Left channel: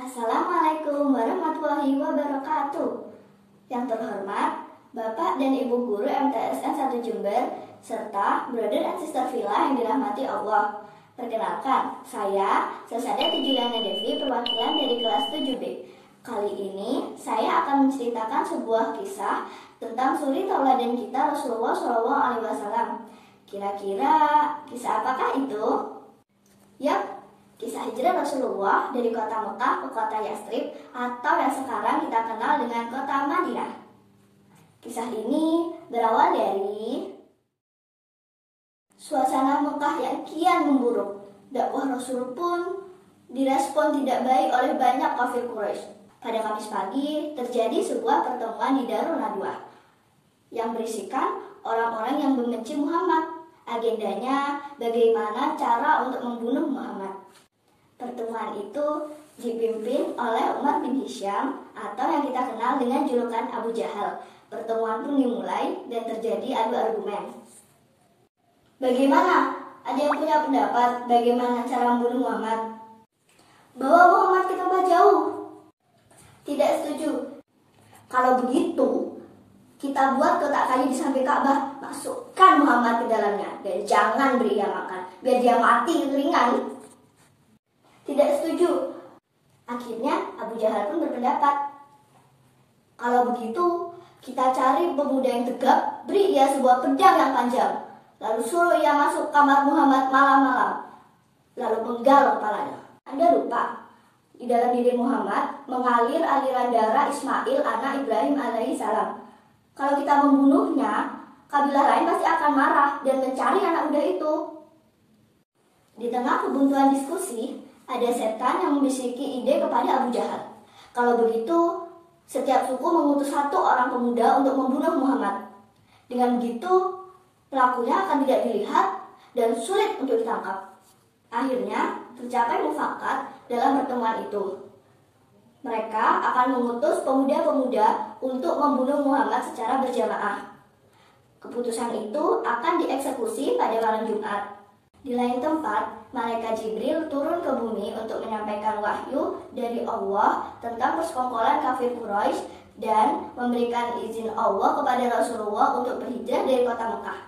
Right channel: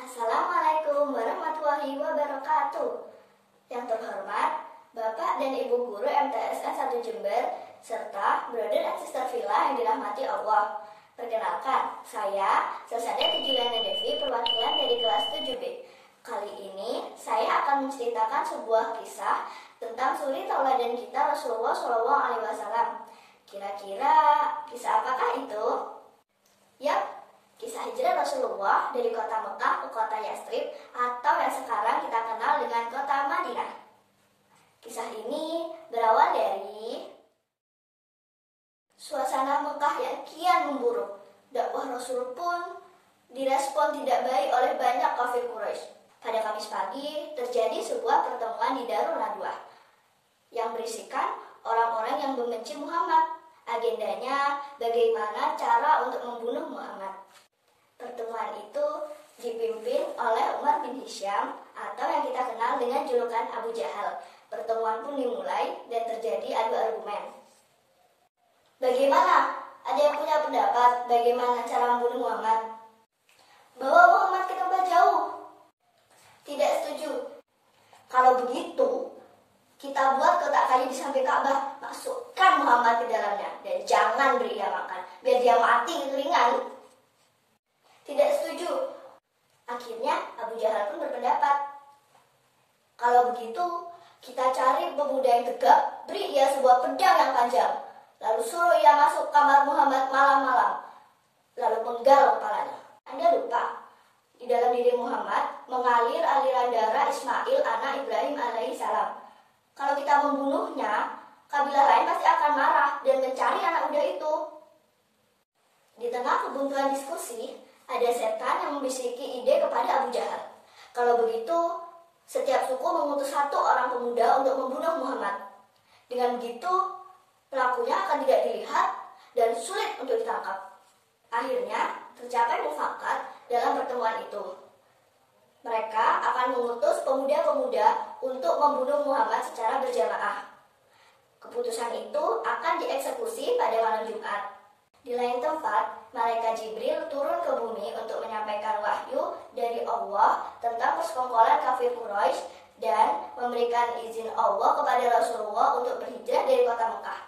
Assalamualaikum warahmatullahi wabarakatuh. Yang terhormat Bapak dan Ibu Guru MTSN 1 Jember serta brother and sister Villa yang dirahmati Allah. Perkenalkan, saya Selsada Tujuliana Devi, perwakilan dari kelas 7B. Kali ini saya akan menceritakan sebuah kisah tentang suri tauladan kita Rasulullah SAW. Kira-kira kisah apakah itu? Yap, kisah hijrah Rasulullah dari kota Mekah ke kota Yastrib atau yang sekarang kita kenal dengan kota Madinah. Kisah ini berawal dari suasana Mekah yang kian memburuk. Dakwah Rasul pun direspon tidak baik oleh banyak kafir Quraisy. Pada Kamis pagi terjadi sebuah pertemuan di Darul Nadwah yang berisikan orang-orang yang membenci Muhammad. Agendanya bagaimana cara untuk membunuh Muhammad. Pertemuan itu dipimpin oleh Umar bin Hisham atau yang kita kenal dengan julukan Abu Jahal. Pertemuan pun dimulai dan terjadi adu argumen. Bagaimana? Ada yang punya pendapat bagaimana cara membunuh Muhammad? Bawa Muhammad ke tempat jauh. Tidak setuju. Kalau begitu, kita buat kotak kayu di samping Ka'bah, masukkan Muhammad ke dalamnya dan jangan beri dia makan, biar dia mati kekeringan. Tidak setuju. Akhirnya Abu Jahal pun berpendapat, kalau begitu kita cari pemuda yang tegap, beri ia sebuah pedang yang panjang, lalu suruh ia masuk kamar Muhammad malam-malam, lalu penggal kepalanya. Anda lupa, di dalam diri Muhammad mengalir aliran darah Ismail anak Ibrahim alaihissalam. Kalau kita membunuhnya, kabilah lain pasti akan marah dan mencari anak muda itu. Di tengah kebuntuan diskusi, ada setan yang membisiki ide kepada Abu Jahal. Kalau begitu, setiap suku mengutus satu orang pemuda untuk membunuh Muhammad. Dengan begitu, pelakunya akan tidak dilihat dan sulit untuk ditangkap. Akhirnya, tercapai mufakat dalam pertemuan itu. Mereka akan mengutus pemuda-pemuda untuk membunuh Muhammad secara berjamaah. Keputusan itu akan dieksekusi pada malam Jumat. Di lain tempat, malaikat Jibril turun ke bumi untuk menyampaikan wahyu dari Allah tentang persekongkolan kafir Quraisy dan memberikan izin Allah kepada Rasulullah untuk berhijrah dari kota Mekah.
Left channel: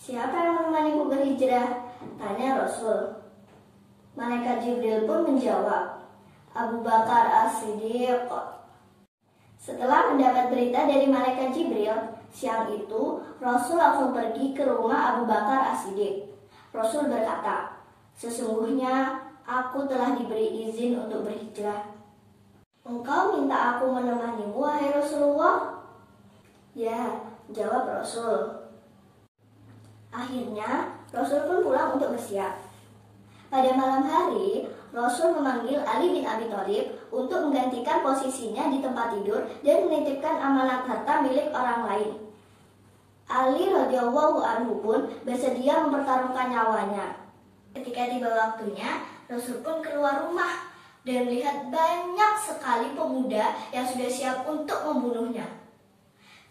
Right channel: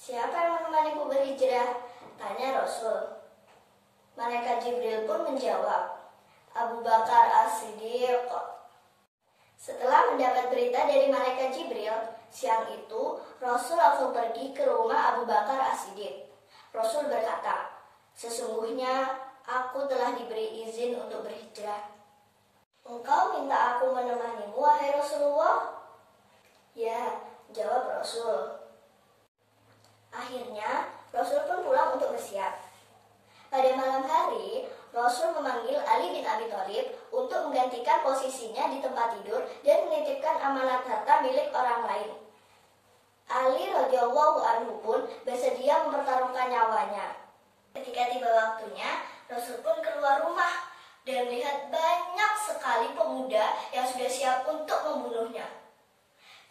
Siapa yang menemanimu berhijrah? Tanya Rasul. Malaikat Jibril pun menjawab, Abu Bakar As-Siddiq. Setelah mendapat berita dari malaikat Jibril, siang itu Rasul langsung pergi ke rumah Abu Bakar As-Siddiq. Rasul berkata, sesungguhnya aku telah diberi izin untuk berhijrah. Engkau minta aku menemanimu, wahai Rasulullah? Ya, jawab Rasul. Akhirnya, Rasul pun pulang untuk bersiap. Pada malam hari, Rasul memanggil Ali bin Abi Thalib untuk menggantikan posisinya di tempat tidur dan menitipkan amanat harta milik orang lain. Ali radhiyallahu anhu pun bersedia mempertaruhkan nyawanya. Ketika tiba waktunya, Rasul pun keluar rumah dan melihat banyak sekali pemuda yang sudah siap untuk membunuhnya.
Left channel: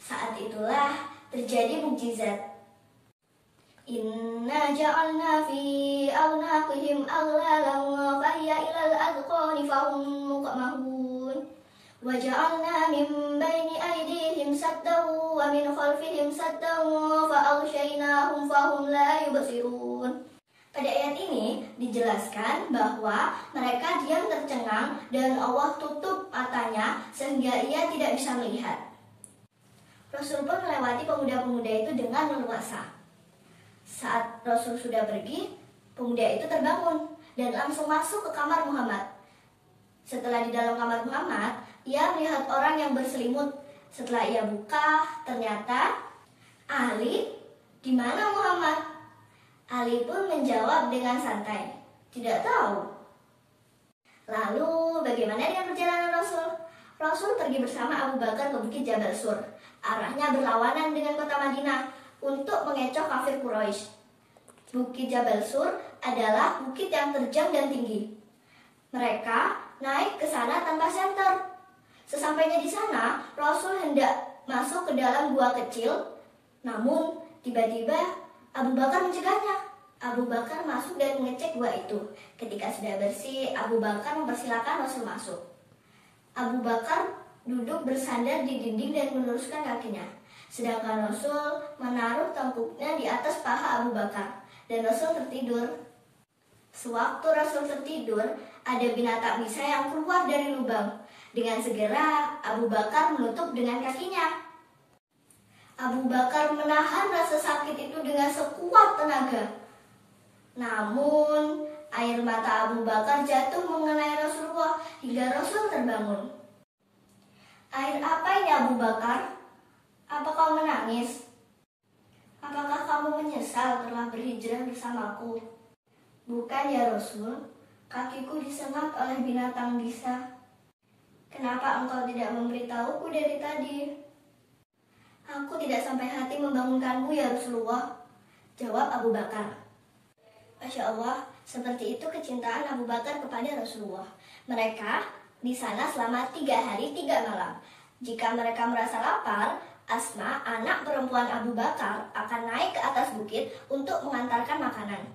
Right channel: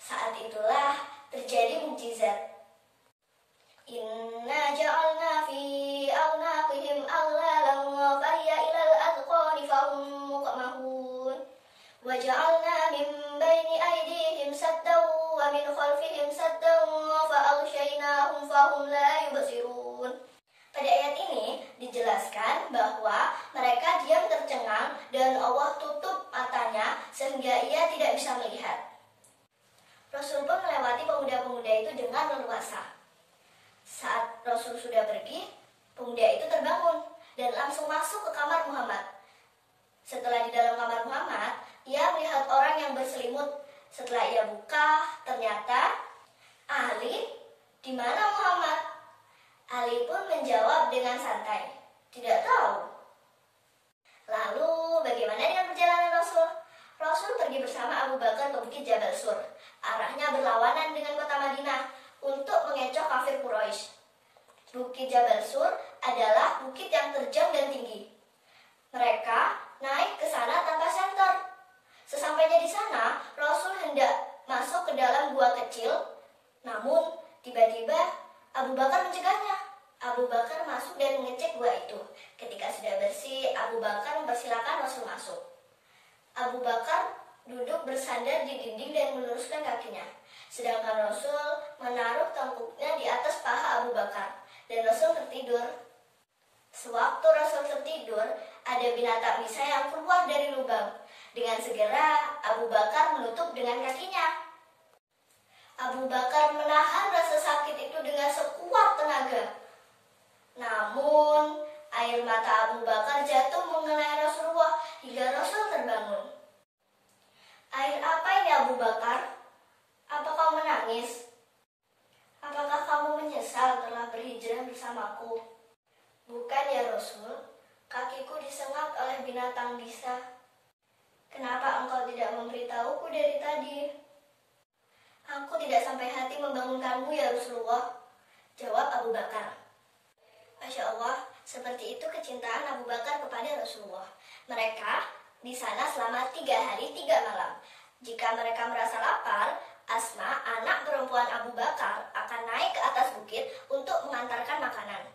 Saat itulah terjadi mukjizat. Inna ja'alna fi a'naqihim aghlalan fa hiya ilal adqani fahum muqmahun wa ja'alna min baini aydihim saddan wa min khalfihim saddan fa aghshaynahum fahum la yubsirun. Pada ayat ini dijelaskan bahwa mereka diam tercengang dan Allah tutup matanya sehingga ia tidak bisa melihat. Rasul pun melewati pemuda-pemuda itu dengan leluasa. Saat Rasul sudah pergi, pemuda itu terbangun dan langsung masuk ke kamar Muhammad. Setelah di dalam kamar Muhammad, ia melihat orang yang berselimut. Setelah ia buka, ternyata Ali, di mana Muhammad? Ali pun menjawab dengan santai, tidak tahu. Lalu bagaimana dengan perjalanan Rasul? Rasul pergi bersama Abu Bakar ke Bukit Jabal Sur. Arahnya berlawanan dengan kota Madinah untuk mengecoh kafir Quraisy. Bukit Jabal Sur adalah bukit yang terjal dan tinggi. Mereka naik ke sana tanpa senter. Sesampainya di sana, Rasul hendak masuk ke dalam gua kecil. Namun, tiba-tiba Abu Bakar mencegahnya. Abu Bakar masuk dan mengecek gua itu. Ketika sudah bersih, Abu Bakar mempersilakan Rasul masuk. Abu Bakar duduk bersandar di dinding dan meluruskan kakinya. Sedangkan Rasul menaruh tengkuknya di atas paha Abu Bakar. Dan Rasul tertidur. Sewaktu Rasul tertidur, ada binatang bisa yang keluar dari lubang. Dengan segera, Abu Bakar menutup dengan kakinya. Abu Bakar menahan rasa sakit itu dengan sekuat tenaga. Namun, air mata Abu Bakar jatuh mengenai Rasulullah hingga Rasul terbangun. Air apa ini Abu Bakar? Apa kau menangis? Apakah kamu menyesal telah berhijrah bersamaku? Bukan ya Rasul, kakiku disengat oleh binatang bisa. Kenapa engkau tidak memberitahuku dari tadi? Aku tidak sampai hati membangunkanmu ya Rasulullah, jawab Abu Bakar. Masya Allah, seperti itu kecintaan Abu Bakar kepada Rasulullah. Mereka di sana selama 3 hari 3 malam. Jika mereka merasa lapar, Asma, anak perempuan Abu Bakar, akan naik ke atas bukit untuk mengantarkan makanan.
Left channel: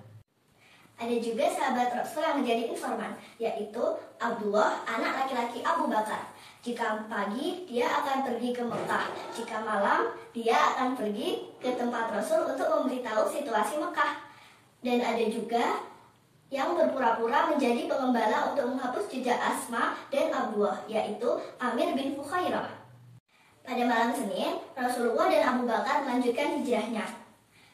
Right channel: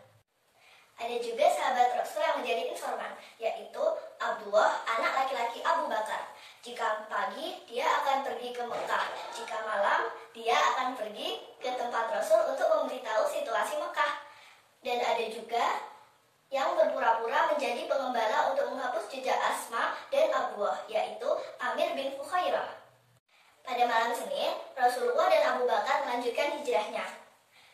Ada juga sahabat Rasul yang menjadi informan, yaitu Abdullah, anak laki-laki Abu Bakar. Jika pagi, dia akan pergi ke Mekah. Jika malam, dia akan pergi ke tempat Rasul untuk memberitahu situasi Mekah. Dan ada juga yang berpura-pura menjadi pengembala untuk menghapus jejak Asma dan Abdullah, yaitu Amir bin Fukhairah. Pada malam Senin, Rasulullah dan Abu Bakar melanjutkan hijrahnya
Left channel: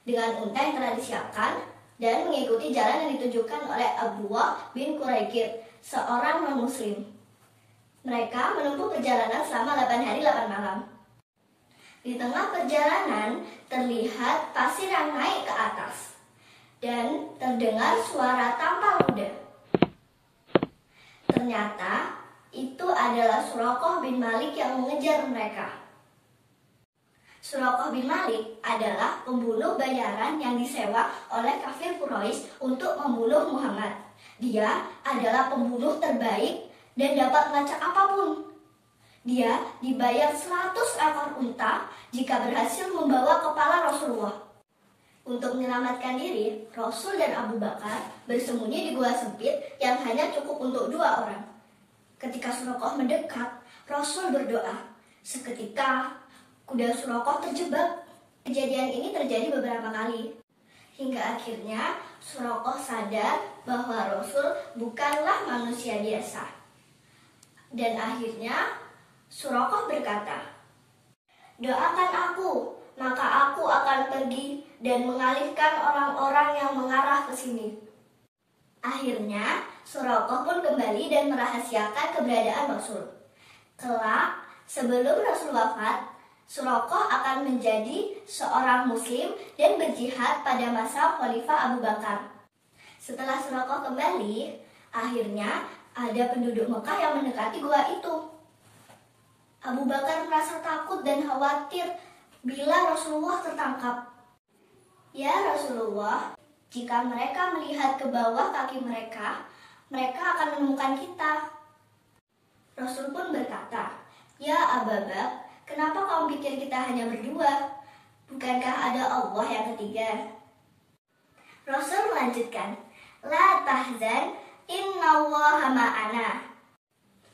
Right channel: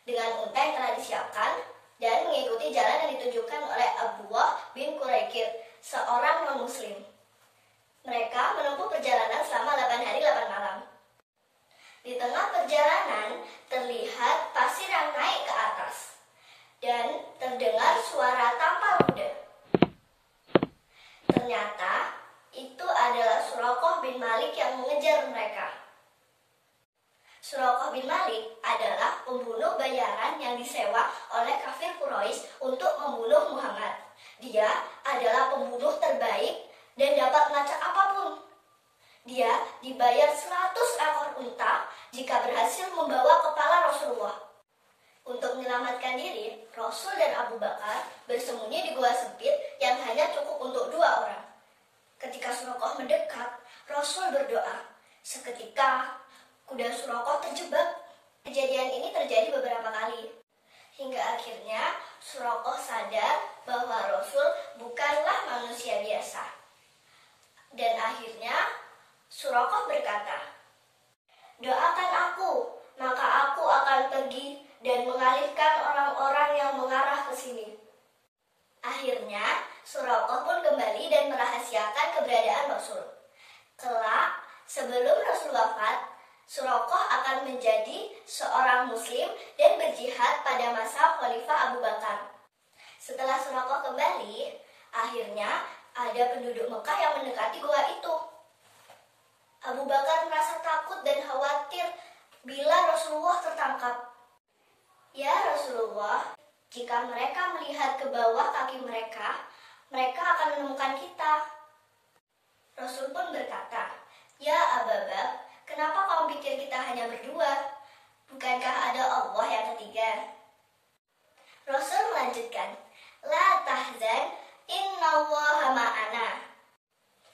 dengan unta yang telah disiapkan dan mengikuti jalan yang ditunjukkan oleh Abdullah bin Quraikir, seorang non-muslim. Mereka menempuh perjalanan selama 8 hari 8 malam. Di tengah perjalanan terlihat pasir yang naik ke atas dan terdengar suara tampal kuda. Ternyata itu adalah Suraqah bin Malik yang mengejar mereka. Suraqah bin Malik adalah pembunuh bayaran yang disewa oleh kafir Quraisy untuk membunuh Muhammad. Dia adalah pembunuh terbaik dan dapat melacak apapun. Dia dibayar 100 ekor unta jika berhasil membawa kepala Rasulullah. Untuk menyelamatkan diri, Rasul dan Abu Bakar bersembunyi di gua sempit yang hanya cukup untuk 2 orang. Ketika Suraqah mendekat, Rasul berdoa. Seketika, kuda Suraqah terjebak. Kejadian ini terjadi beberapa kali. Hingga akhirnya Suraqah sadar bahwa Rasul bukanlah manusia biasa. Dan akhirnya Suraqah berkata, "Doakan aku, maka aku akan pergi dan mengalihkan orang-orang yang mengarah ke sini." Akhirnya, Suraqah pun kembali dan merahasiakan keberadaan Rasul. Kelak, sebelum Rasul wafat, Suraqah akan menjadi seorang muslim dan berjihad pada masa Khalifah Abu Bakar. Setelah Suraqah kembali, akhirnya ada penduduk Mekah yang mendekati gua itu. Abu Bakar merasa takut dan khawatir bila Rasulullah tertangkap. "Ya Rasulullah, jika mereka melihat ke bawah kaki mereka akan menemukan kita." Rasul pun berkata, "Ya Abu Bakar, kenapa kamu pikir kita hanya berdua? Bukankah ada Allah yang ketiga?" Rasul melanjutkan, "La tahzan, innallaha ma'ana."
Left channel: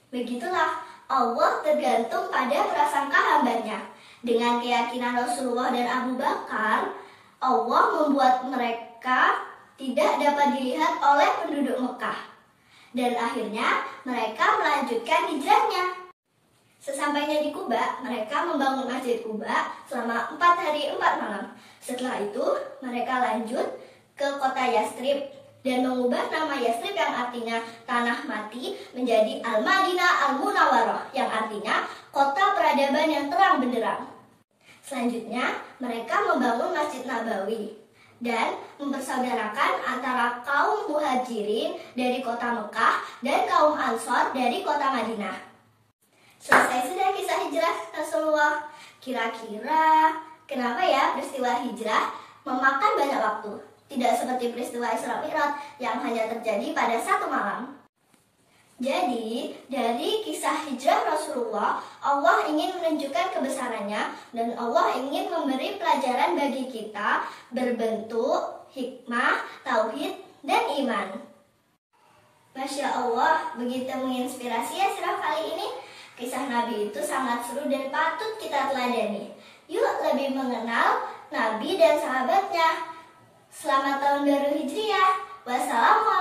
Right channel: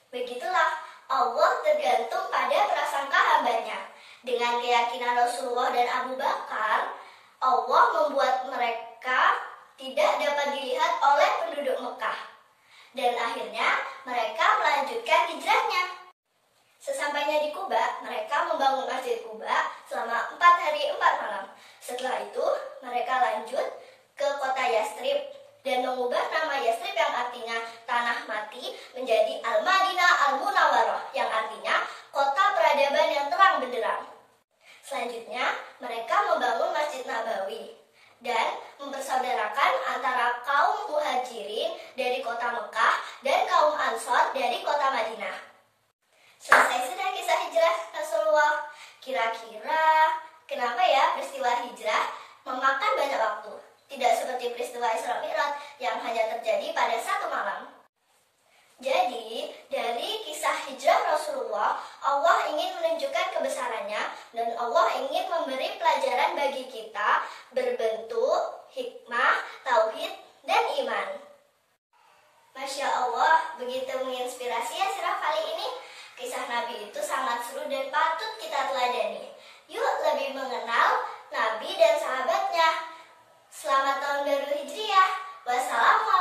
Begitulah, Allah tergantung pada prasangka hambanya. Dengan keyakinan Rasulullah dan Abu Bakar, Allah membuat mereka tidak dapat dilihat oleh penduduk Mekah. Dan akhirnya mereka melanjutkan hijrahnya. Sesampainya di Quba, mereka membangun Masjid Quba selama 4 hari 4 malam. Setelah itu, mereka lanjut ke kota Yastrib dan mengubah nama Yastrib yang artinya tanah mati menjadi Al-Madinah Al-Munawwarah yang artinya kota peradaban yang terang benderang. Selanjutnya, mereka membangun Masjid Nabawi dan mempersaudarakan antara kaum Muhajirin dari kota Mekah dan kaum Ansor dari kota Madinah. Selesai sudah kisah hijrah Rasulullah. Kira-kira kenapa ya peristiwa hijrah memakan banyak waktu? Tidak seperti peristiwa Isra Mi'raj yang hanya terjadi pada 1 malam. Jadi, dari kisah hijrah Rasulullah, Allah ingin menunjukkan kebesarannya dan Allah ingin memberi pelajaran bagi kita berbentuk hikmah, tauhid, dan iman. Masya Allah, begitu menginspirasi ya sirah kali ini. Kisah Nabi itu sangat seru dan patut kita teladani. Yuk lebih mengenal Nabi dan sahabatnya. Selamat tahun baru Hijriah. Wassalamualaikum.